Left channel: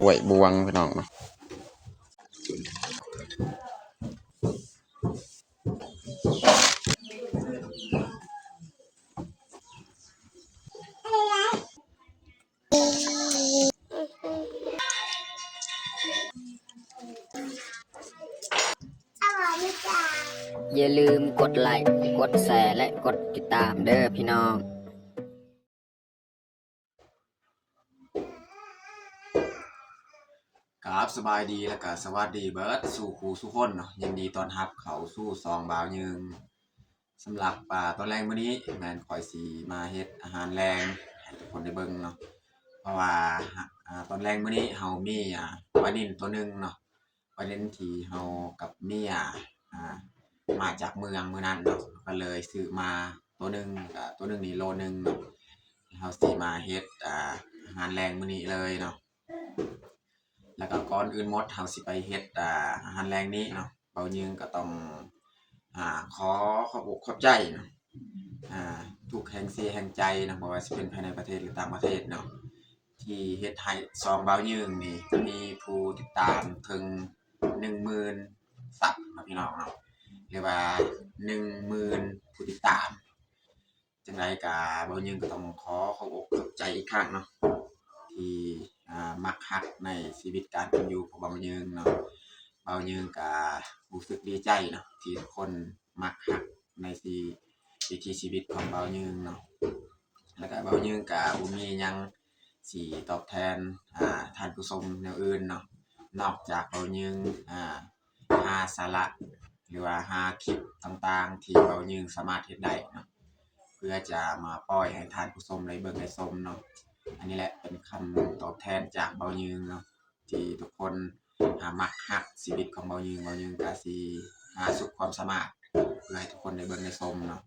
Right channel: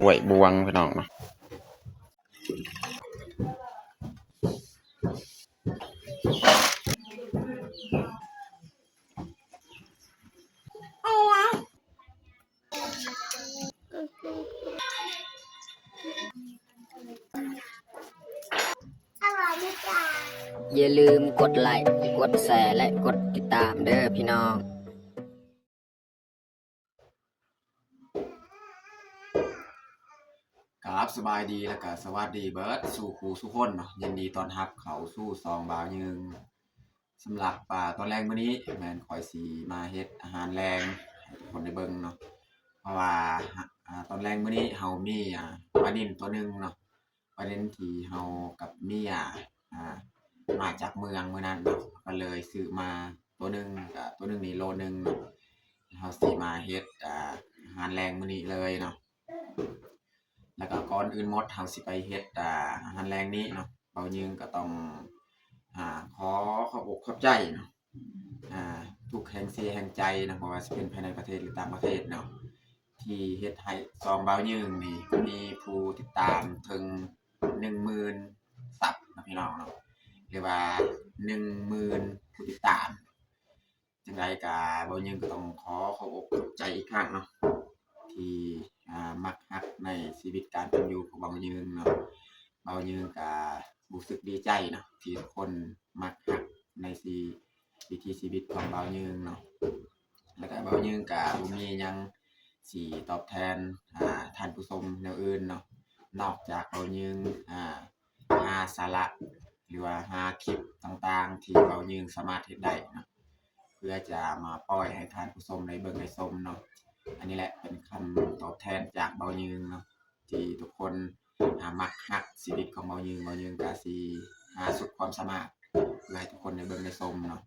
กล้วยบวงพี่น้องเนาะอย่าลืมกดไลค์กดแชร์และกดติดตามเด้อพี่น้องครับสบายดีแล้วก็สวัสดีเบิร์ดสู่ครูสุคนเนาะยินดีต้อนรับเขาสู่ซองบ่าวยึงสำหรับตอนแรกมื้อนี้แม่นข่อยสิมาเฮ็ดอาหารแรงให้ทุกคนได้เบิ่งเนาะเพราะว่าตอนแรกมื้อนี้เฮามีปลานิ่นตัวหนึงเนาะปลานิ่นที่เฮากับเมียมาจากเมืองมื้อนั้นเนาะก็เลยซื้อมาตัวหนึงตัวหนึงนี่โลนึงเนาะเฮาสิมาเฮ็ดอาหารแรงมื้อนี้เลยเนาะแล้วก็ก่อนอื่นหมดเฮาสิไปเฮ็ดอาหารแรงนี้เนาะเบายึงก็ต้องขอขอบอกขอบใจเนาะทุกแห่งเสียแห่งใจนะบ่ว่าสิเป็นภายในประเทศหรือต่างประเทศเนาะที่เฮ็ดให้ซองเบายึงนี่มีผู้ติดตามถึง 10,000 ซับนะพี่น้องเนาะหรือว่า 10,000 ผู้ติดตามจังไดก็เบายึงก็ต้องขอขอบอกขอบใจอีกครั้งเนาะที่มักฮักในชีวิตการเป็นอยู่ของเบายึงเนาะเบายึงก็รู้สึกดีใจเนาะที่ทุกคนมักฮักในวิถีชีวิตของเบายึงเนาะแล้วก็เบายึงก็บ่มีหยังสิตอบแทนท่านผู้ชมแนวอื่นเนาะนอกจากเบายึงหาสาระหรือว่าหาคลิปต่างๆที่เบายึงสามารถเฮ็ดได้เนาะเพื่อจะมาปล่อยให้ท่านผู้ชมได้เบิ่งได้ชมเนาะอันนี้แหละเป็นคำตอบแทนจากเบายึงเนาะที่ทุกคนมักฮักชีวิตของเบายึงก็สิหาสุดความสามารถเพื่อให้ทุกคนได้เบิ่งได้ชมเนาะ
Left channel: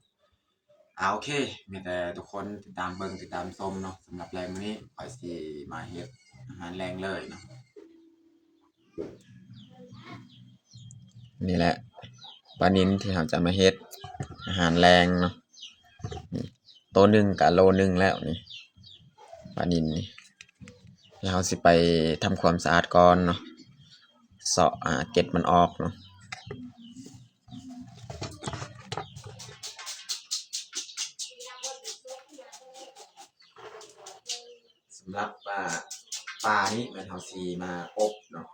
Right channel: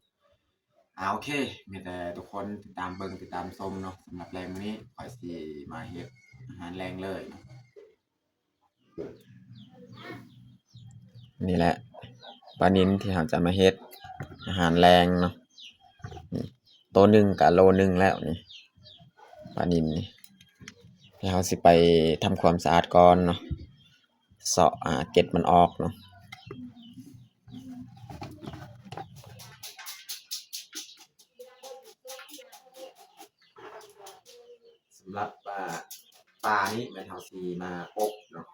โอเคมีแต่ทุกคนติดตามเบิ่งติดตามชมเนาะสำหรับแรงมื้อนี้ข้อยสิมาเฮ็ดอาหารแรงเลยเนาะนี่แหละปลานิลที่เราจะมาเฮ็ดอาหารแรงเนาะนี่ตัวหนึ่งกับโลนึงแล้วนี่ปลานิลนี่ที่เราสิไปทำความสะอาดก่อนเนาะเสาะเกล็ดมันออกเนาะสำหรับปลานี้มันเราสิมาอบเนาะ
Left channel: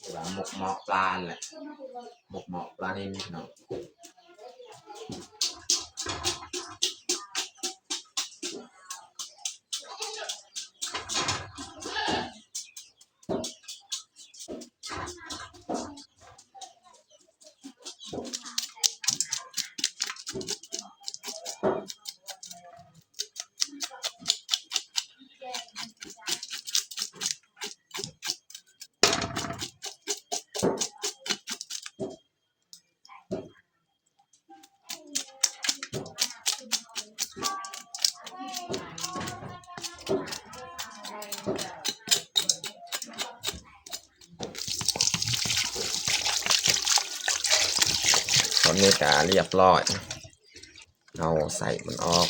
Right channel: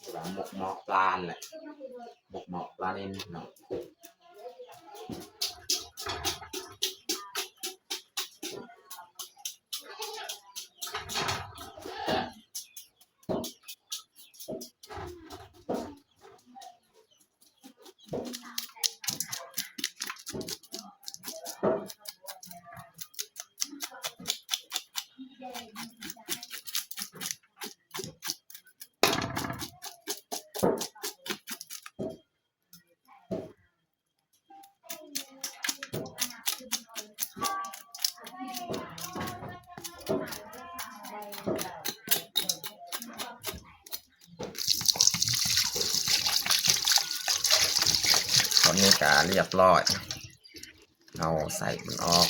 หรือว่าหมกเหมาะปลาแหละหมกเหมาะปลานิลเนาะตอนนี้ก็เรียบร้อยเราใส่มันออก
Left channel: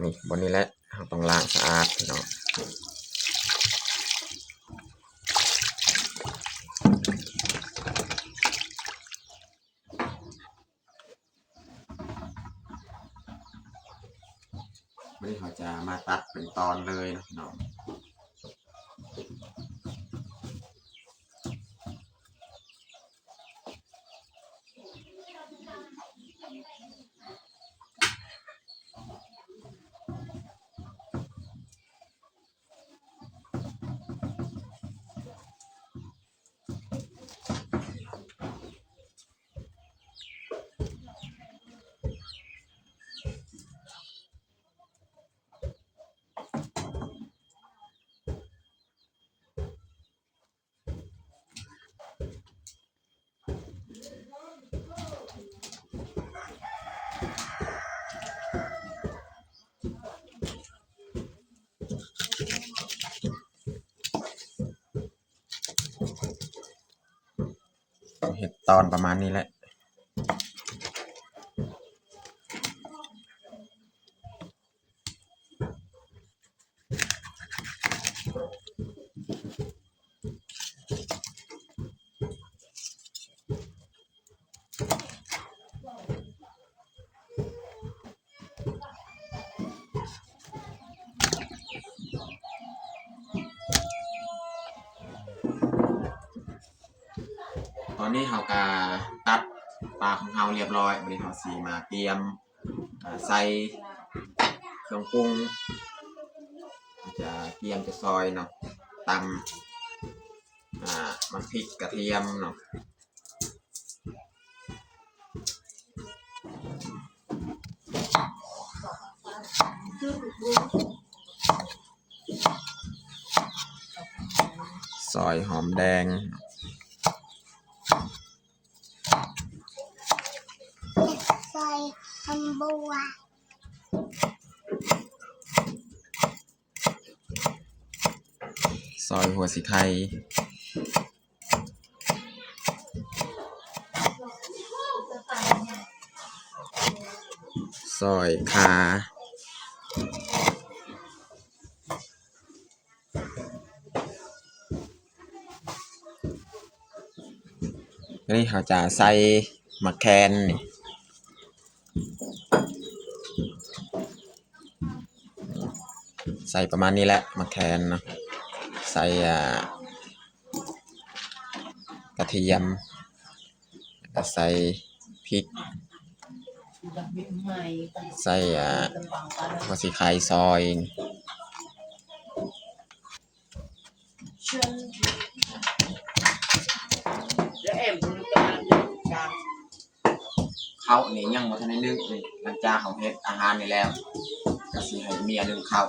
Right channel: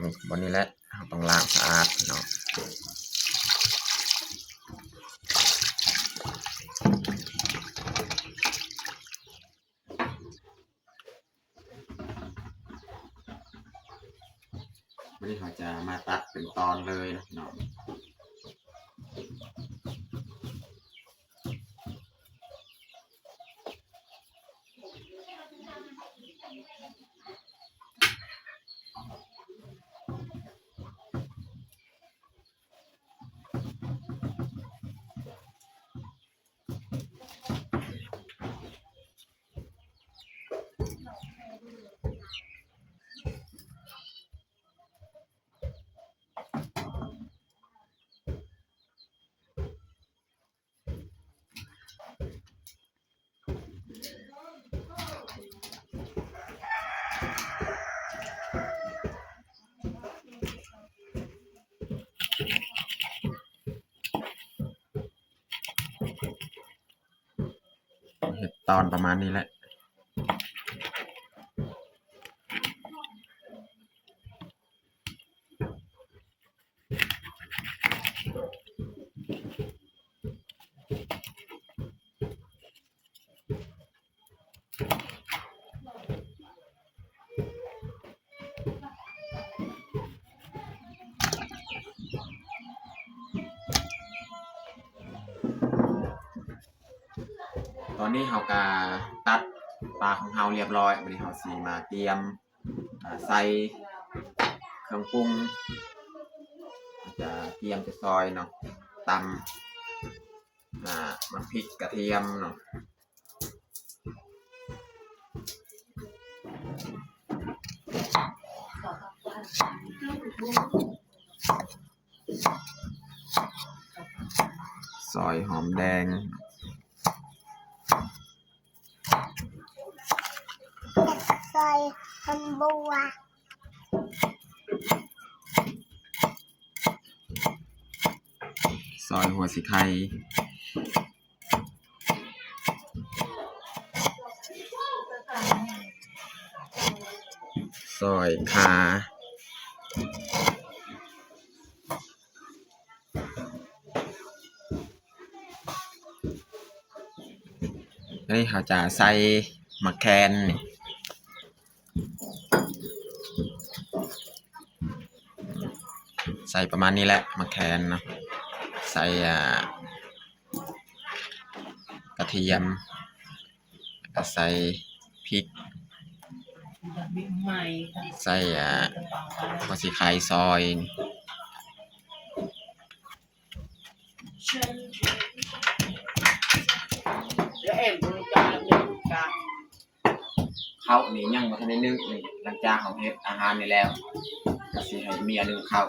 นี่บนนี้แหละเราต้องล้างสะอาดเนาะวันนี้เราจะมาตัดเป็นตอนเลยเนาะเห็ดตอนประมาณนี้แหละ อนนี้เราก็ตัดปลาของเราเรียบร้อยวันนี้เราสีมาเตรียมใส่เครื่องปรุงจะเตรียมจะซอยเนาะตำมันพริกกระเทียมเนาะซอยหอมแดงซอยมันบัวซอยหัวสีไข่ซอยขาอันนี้เขาจะใส่มะแคนนี่ใส่ประมาณนี้แหละมะแคนเนาะใส่กระเทียมแล้วใส่พริกใส่หัวสีไข่ซอยเขานี่ยังบ่ทันได้นึกนี่หลังจากเขาเฮ็ดอาหารนี่แล้วก็สิให้เมียนึ่งข้าว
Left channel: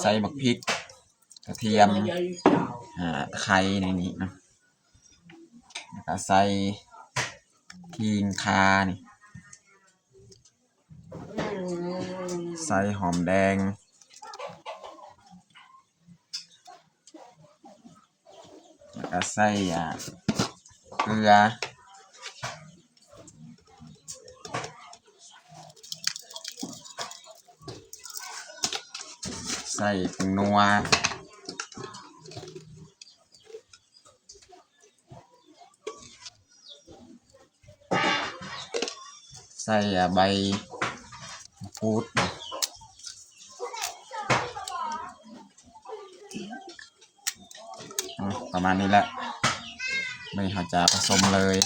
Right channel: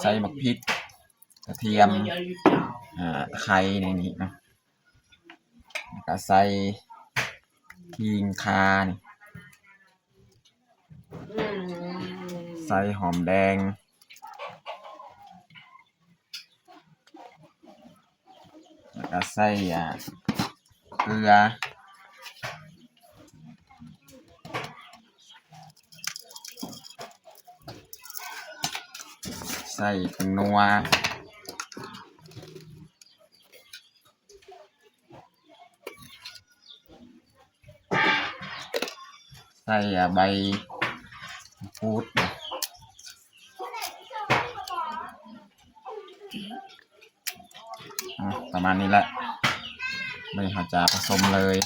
ใส่หมักพริกกระเทียมตะไคร้ในนี้นะแล้วก็ใส่ขิงข่านี่ใส่หอมแดงแล้วก็ใส่เกลือใส่ผงนัวใส่ใบมะกรูดประมาณนี้แหละไม่เขาจะผสมเลย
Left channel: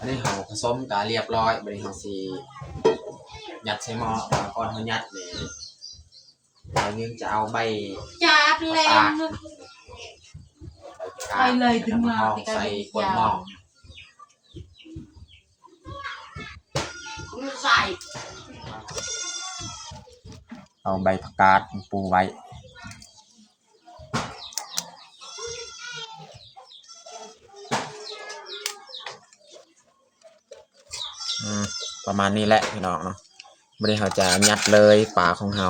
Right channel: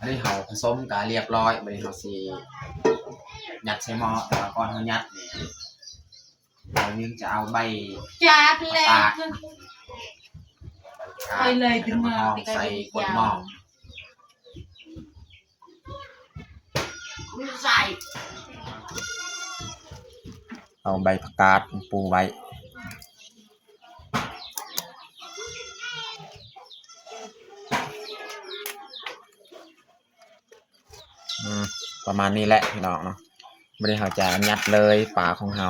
อันนี้เขาผสมกันเรียบร้อยบัดนี้เขาสิยัดใส่หม้อแต่ว่าก่อนเขายัดนี่เรายังจะเอาใบ Chát ตา lên ก ไปเลยถึง มา มา ใส่ก้นหม้อ Cũng xài เอาใบผักกาดปูไว้ประมาณนี้แหละพี่น้องเนาะไม่ได้เขาจะยัดเลยปลาของเรา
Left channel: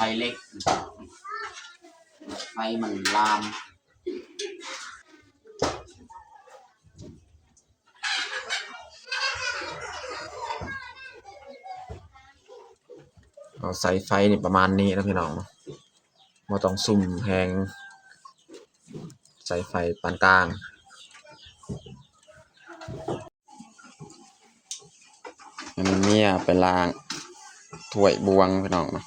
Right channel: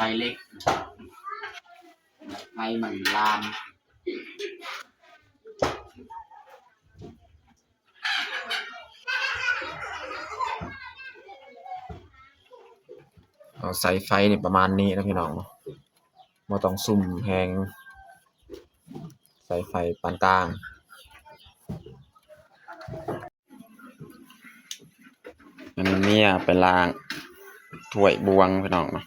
ไฟเล็กไฟมันลามเอาใส่ไฟนี่ประมาณนี้นะพี่น้องบ่ต้องซุ่มแหงใส่ไฟปานกลาง อันนี้เมียไปล้างถ้วยบวงพี่น้องเนาะ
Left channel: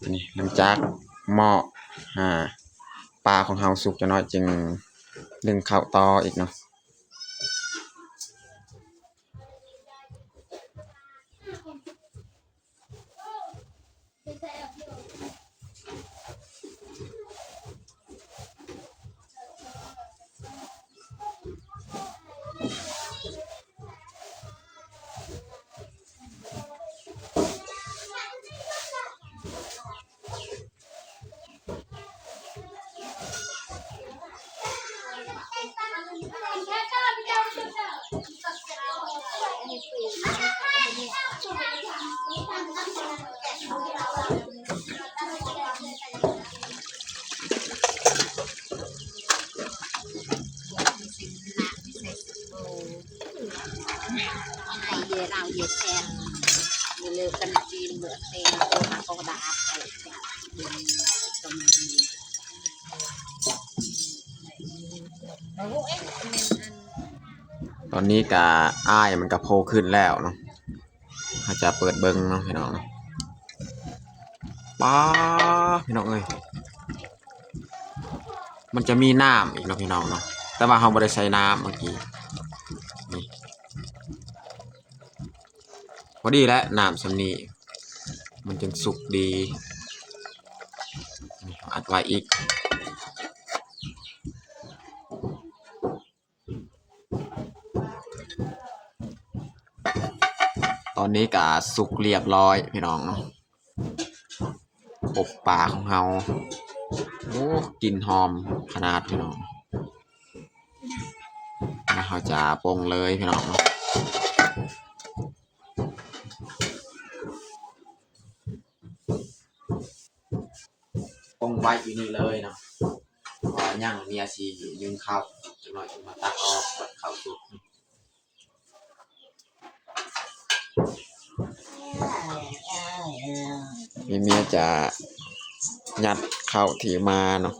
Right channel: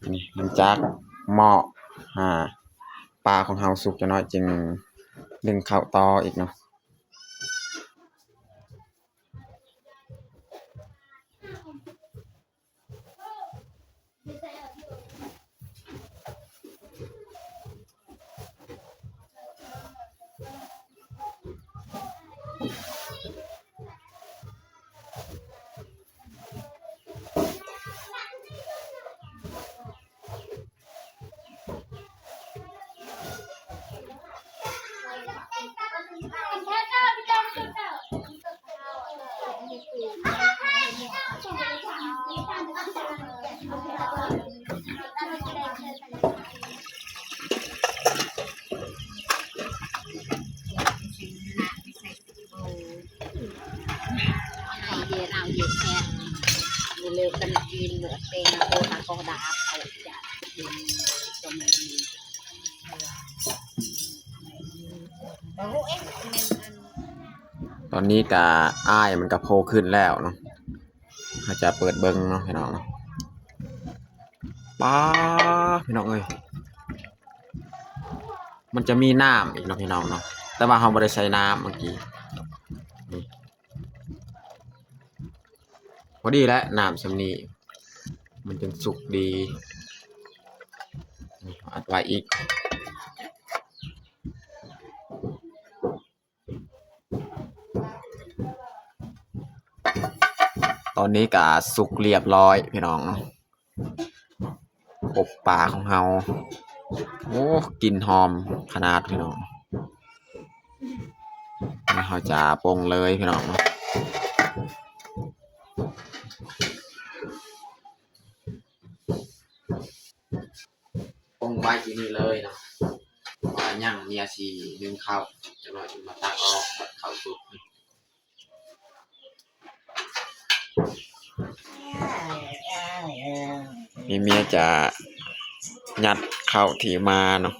อันนี้หลังจากหม้อปลาของเฮาสุกจะน้อยจึงดึงเข้าต่ออีกเนาะเราเยอะแทนมีเลือกกันกินเหมือนเป็นตัวโคดาเขาจะกินตรงนี้ตอนนี้กะอ้ายมันก็โผล่ขึ้นแล้วเนาะเขาจะเปิดเบิ้งเนาะพี่น้องเนาะป้าพี่น้องเอ้ยมันจะมีน้ำอีกเนาะพี่น้องเนาะแต่ว่าเราไม่ได้ใช้น้ำเมื่อกี้นี่พอดีแล้วน้ำสำนีมันจึงสุกดีนี่อัดไว้อีกตอนนี้ก็สุกเรียบร้อยพี่น้องเนาะอบปลาของเราโอ้กลิ่นหอมขนาดพี่น้องเราจะปรุงเลยพี่น้องปรุงไว้อยู่นี่เลยเนาะว่าย่างเมียสียืนเข้าจะหน่อยจะมาตักออกเข้าสุกมีเมียจะยัดเข้าถีมาเนาะ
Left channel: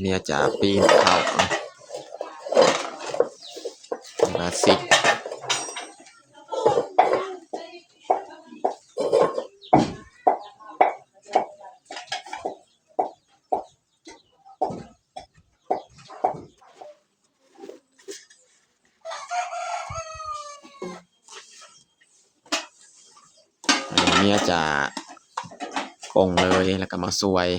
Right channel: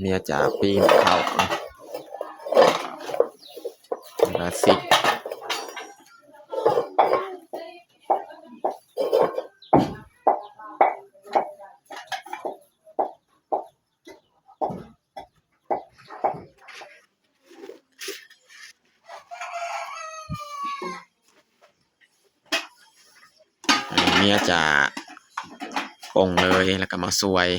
เมียจะปีนเข้ามาซิกเมียจะปรุงเลยแล้วก็มาซวย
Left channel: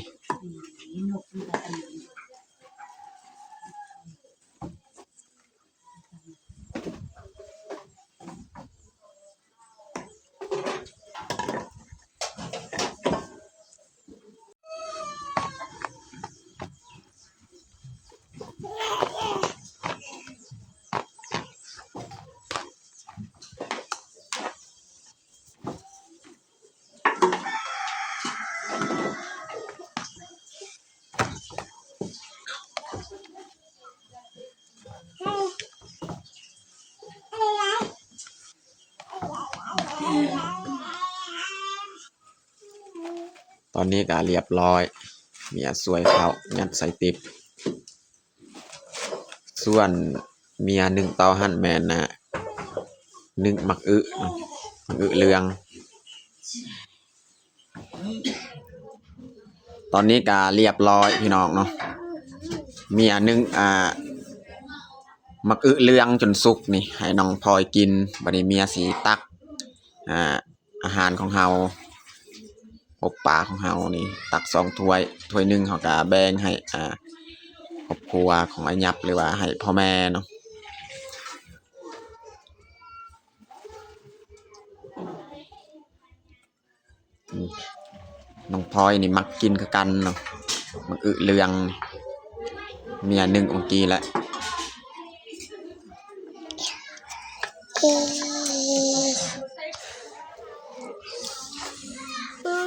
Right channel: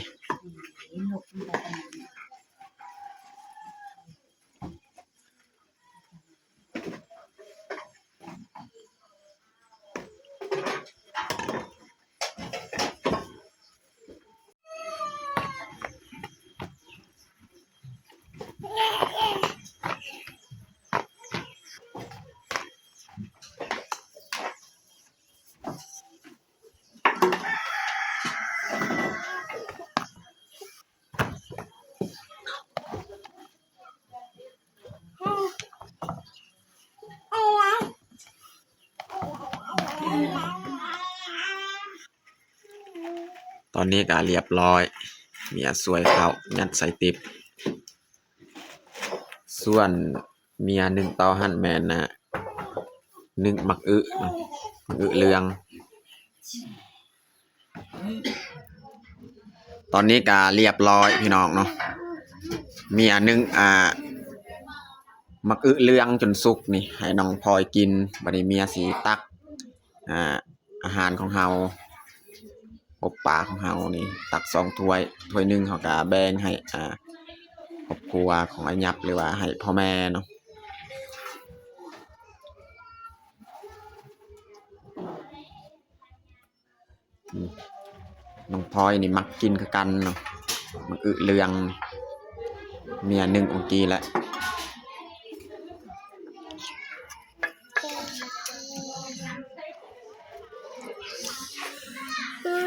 ตอนนี้ก็เรียบร้อยเมียสวยเข้ายัดใส่ติ๊บส่วนเมียหนึ่งเตาหั่นแมนนะหนึ่งมักอึเรืองตอนนี้ก็เรียบร้อยพี่น้องเนาะเมียหนึ่ง มักอึเรืองจนสุกนี่ให้น้องพลอยกินบัดนี้เมียสีตักอาหารของเฮาอบปลาของเฮานี่ตัก2ถ้วยหนึงเฮาก็แบ่งให้ครอบครัวของไอ้ยับหรือว่าให้พ่อแม่เนาะน้องพลอยนี่มักกินคือกันเนาะมักอึเรืองเมีย1องกีแล้ว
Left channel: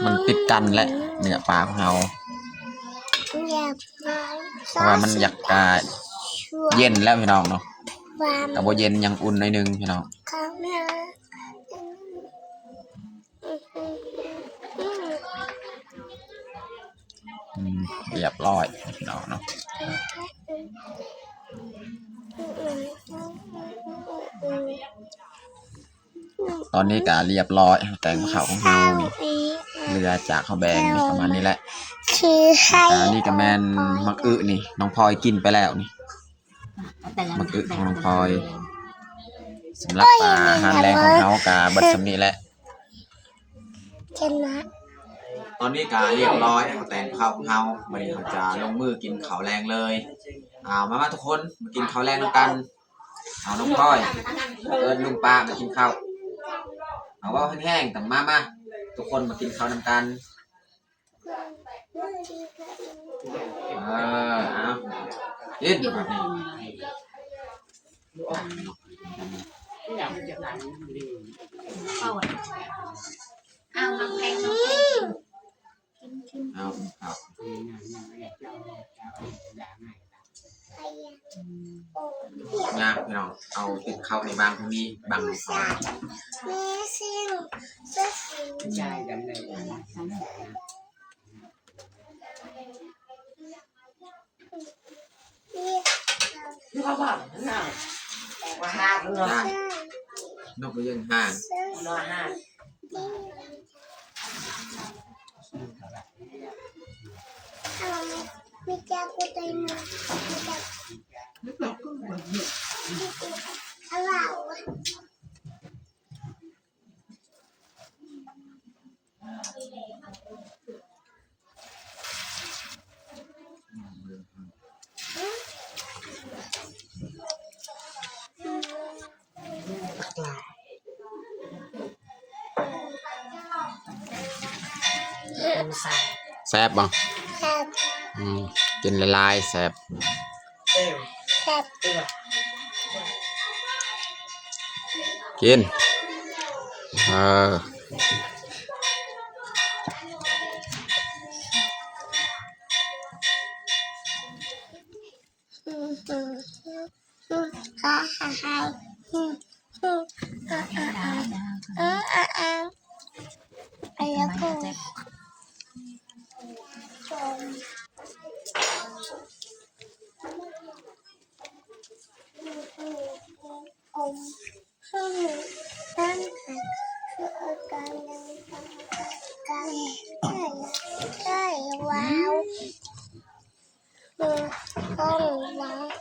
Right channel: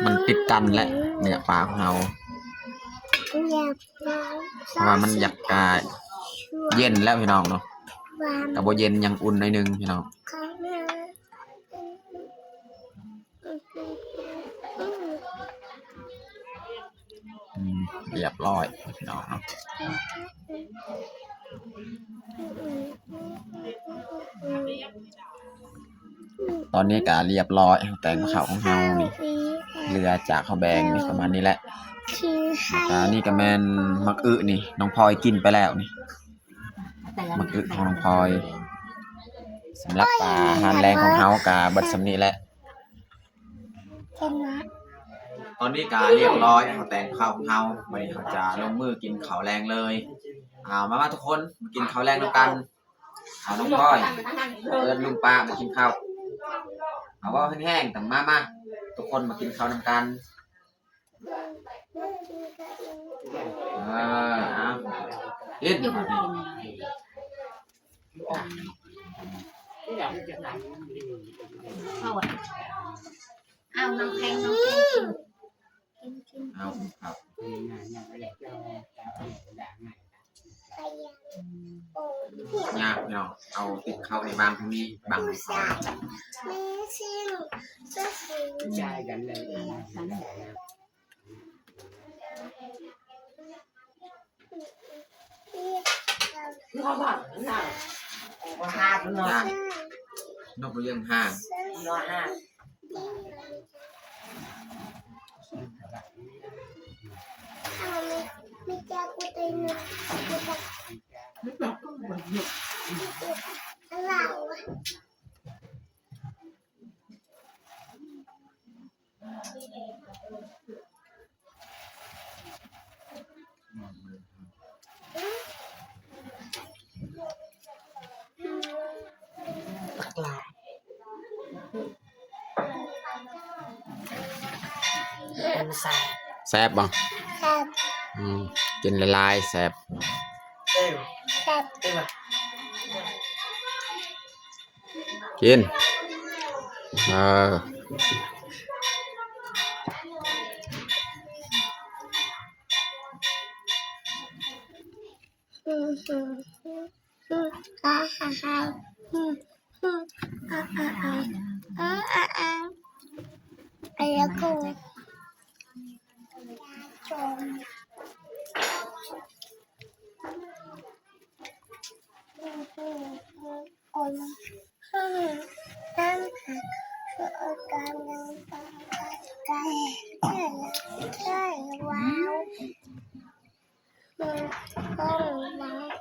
มันติดกันแหละเนื้อปลาของเฮาเพราะว่ามันอยากเย็นแล้วพี่น้องเนาะแต่บ่เย็นยังอุ่นหน่อยนึงพี่น้องเรียบร้อยพี่น้องเนาะตอนนี้ก็เรียบร้อยแตงมะขาวของเฮานี่เรือจากข้าวแบงนี่ประมาณนี้แหละแต่นี่ก็แม่นมักอึนี่น้องพลอยกินไปแล้วนี่มักอึของน้องพลอยสำหรับอาหารแรงของเฮาก็เบิดสำนี้แหละตอนนี้ก็เรียบร้อยเอาแตงข้าวของเฮาบัดนี้เขาจะลงมือกินข้าวแรงเลยมาทุกคนมากินข้าวแรงด้วยกันน้องพลอยเอิ้นลุงป้ามากินข้าวเอาว่าแห้งๆแต่มาทุกคนมากินข้าวนำกันเอากินเอาน้ำแข็งเอาครับงามพี่น้องเอาติดเข้าในบางพวกนี้บางพวกมีสิ่งใช่กันเลยเขาบอกน่ะว่าห้ามเนาะนกเรื่องห้างน้อยห้ามีจ้ากูเต็มเลยอะไรวะแซ่บบ่ครับ กินละลายแซ่บครับกินแล้วก็ว้าวห้องว้าว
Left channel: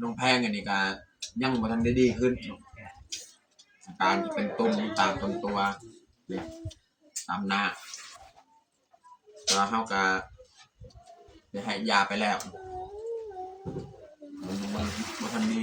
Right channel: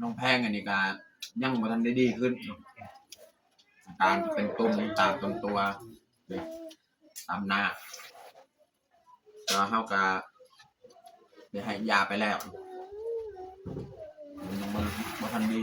น้องแพงอันนี้ก็ยังบ่ทันได้ดีขึ้นอาการเป็นตุ่มตามตัวตามหน้าแล้วเฮาก็ได้ให้ยาไปแล้วมันบ่ทันดี